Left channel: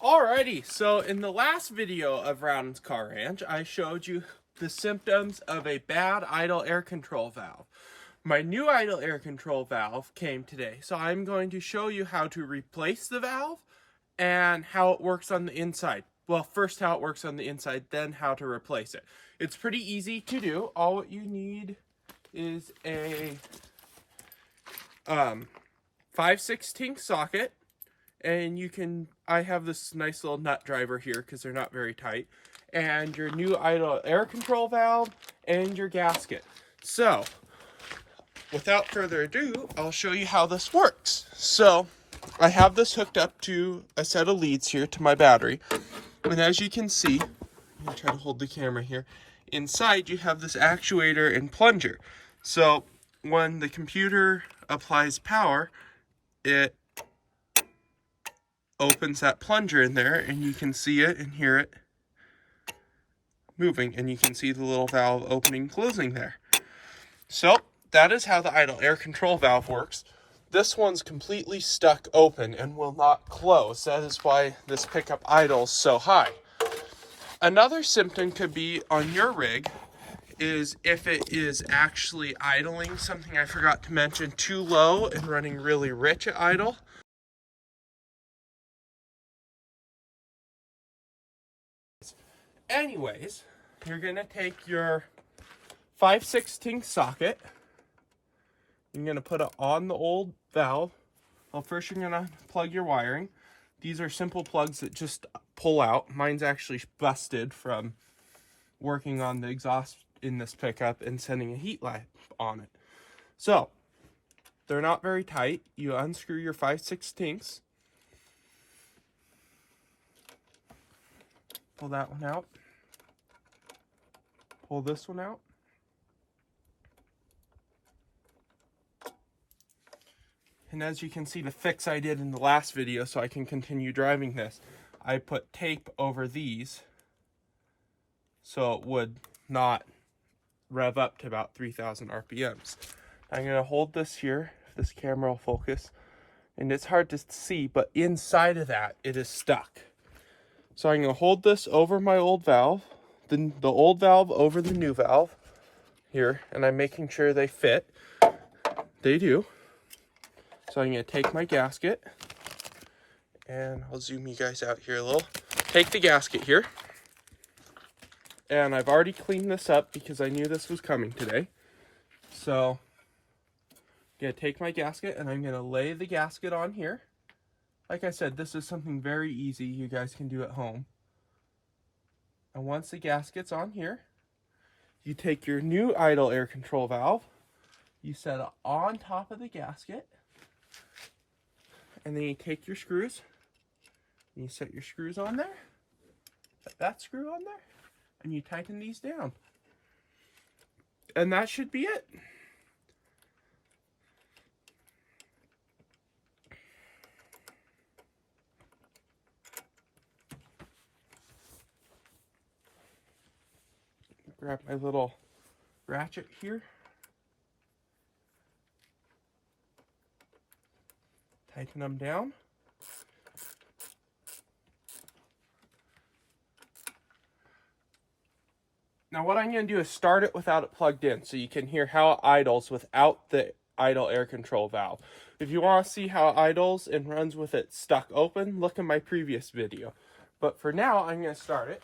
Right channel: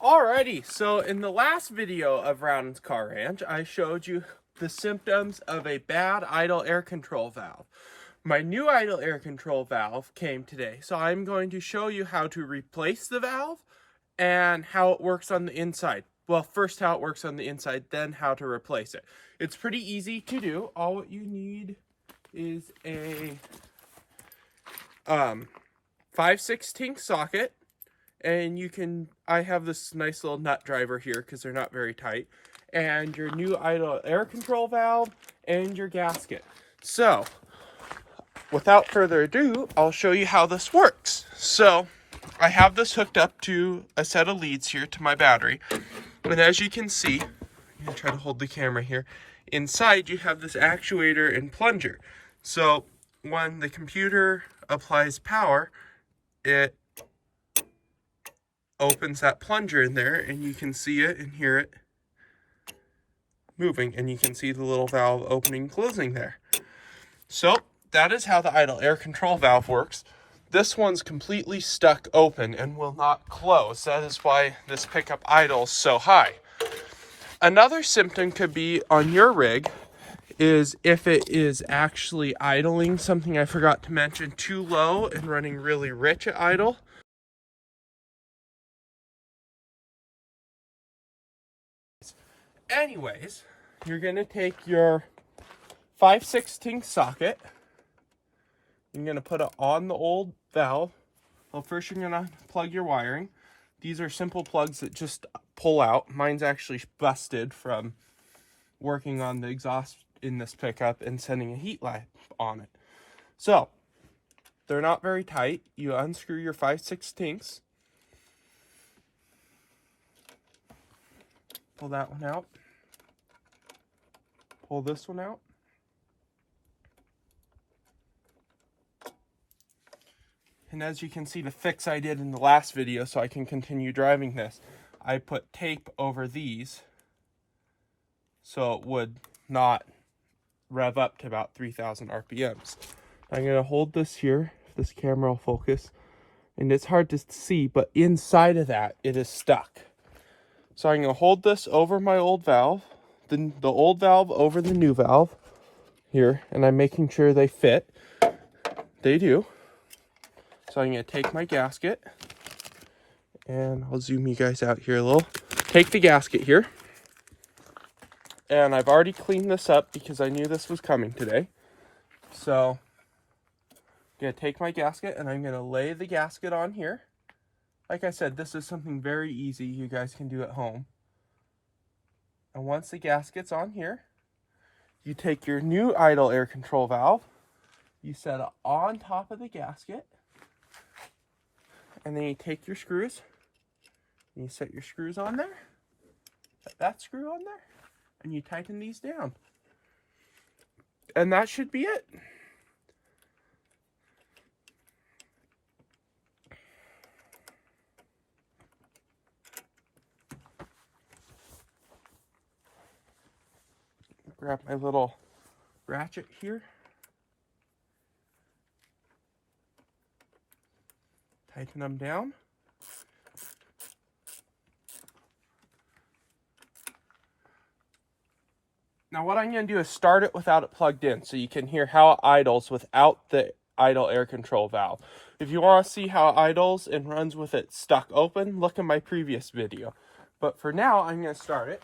Alrighty, so in the last video of Rowden's Car Ranch, I showed you the symptoms of a bad idle air control valve. My new idle air control valve came today, so I'm going to show you how to replace the valve and how it works on the inside. Well, first how it works on the inside, then how to replace it. It's pretty easy to do. All what you need is a 5/16 socket. And I have this nice little nut driver here because they're not very tight. And your new idle air control valve and your gasket. So, without further ado, I'll show you how this works. So, I have this hooked up to a set of leads here to my battery. And as you can see, I'm going to try to hold the camera here. Inside, you have this actuator and plunger. So, when the computer applies power, it opens that plunger in there, and you can see it and hear it moving, and you can see the little valve opening and closing there. So that is how the idle air control valve works. This one's completely stuck open and will not close. That is why this pickup idles so high. Another symptom could be on your rig is if it is actually idling, something I forgot to mention, too low and running really rich at idle. Anyways, you're going to take your 5/16 socket. You're going to put it on the old valve. Well, first you're going to plug your wiring. These are simple plugs that just pull out. Mine's actually busted from working on the exhaust in this pickup and sending a heat lamp on it. So, they're not very tight. You unscrew your 5/16. Pull that one out. Pull this one out. And as you can see, the fix I did in the last video so I can continue driving this, I put tape over these so it would not rev up to about 3,000 RPMs. I'm going to hold this here, if this camera will focus. And it's hard to see, but inside of that, it is stuck. So I'm going to hold this over my old valve, the old valve over the new valve here, and I'm making sure they fit. They do. So I'm going to take my gasket, and I'll zoom you guys out here a little. Take the gasket here, and I've already cleaned this up because I knew this was coming today. So I'm going to take my gasket, and I'm going to lay the gasket on here. Like I said, this is something very easy you guys can do at home. And once the gasket's on here, you take your new idle air control valve, you set it on top of the gasket, and then you take your screws, and you set your screws on there, set that screw on there, and you tighten these down. And that should be it. Grab my little ratchet here. Tighten them down. Now what I'm going to do is start it without it plugged in so you can hear how it idles without the idle air control valve. If you want to see how it idles and runs with it stuck open, look at my previous video. But for now, I'm going to start it.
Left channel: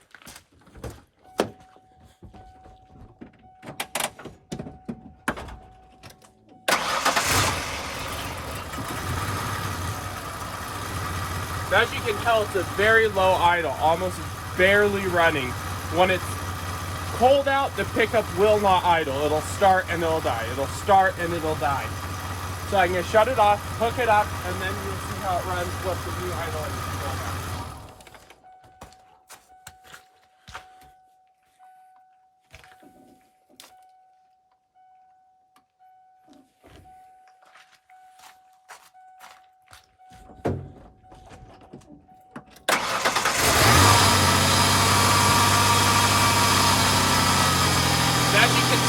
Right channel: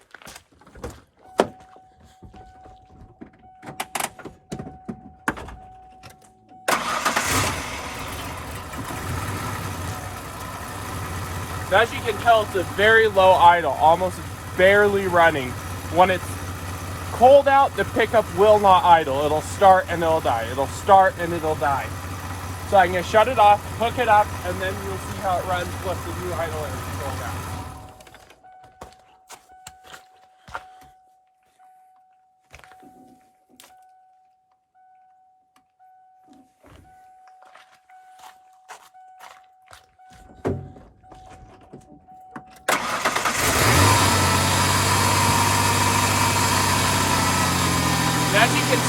As you can tell, it's a very low idle, almost barely running. When it's cold out, the pickup will not idle. It'll start and it'll die. It'll start and it'll die. So I'm going to shut it off, hook it up, and then we'll see how it runs with the new idle air control valve.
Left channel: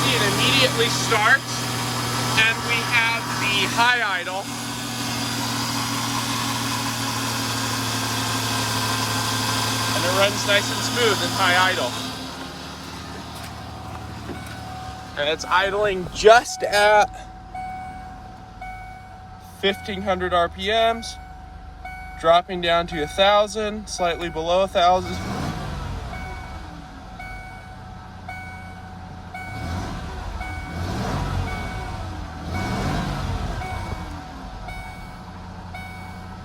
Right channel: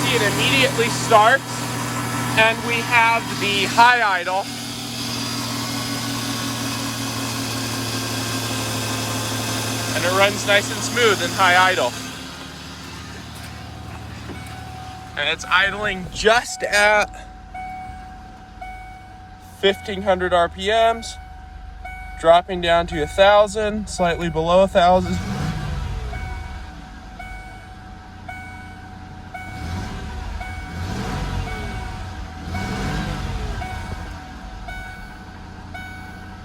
It immediately starts, and we have the high idle. and it runs nice and smooth in high idle. And it's idling just at 1500 RPMs, dropping down to 1000, slightly below 1000.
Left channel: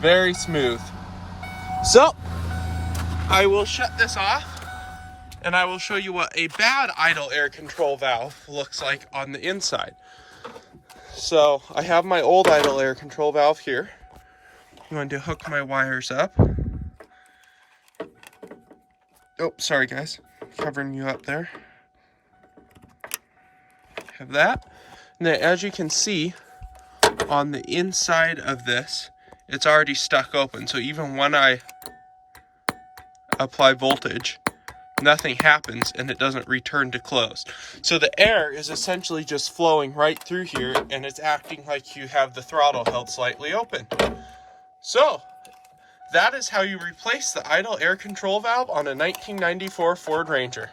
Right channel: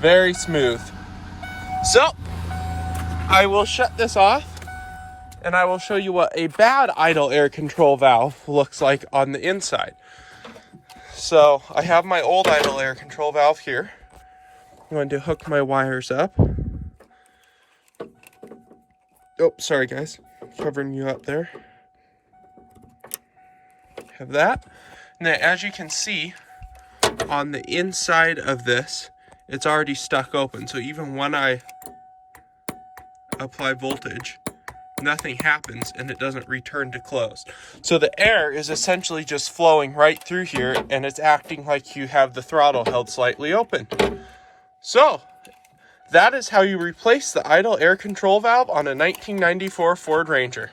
Very smooth. So, I will shut this off and I will show you what a bad idle air control valve looks like on the inside. So, I have my old idle air control valve here. I'm going to hook my wires up. Oh, sorry guys, covering you up there. Have that. Now, as you can see, on the inside of this, it's already stuck open. So even when I apply voltage, nothing happens and it doesn't return to closed. So the air is essentially just flowing right through here and it's acting like you have the throttle held slightly open. So that is how you replace the idle air control valve on a 1994 Ford Ranger.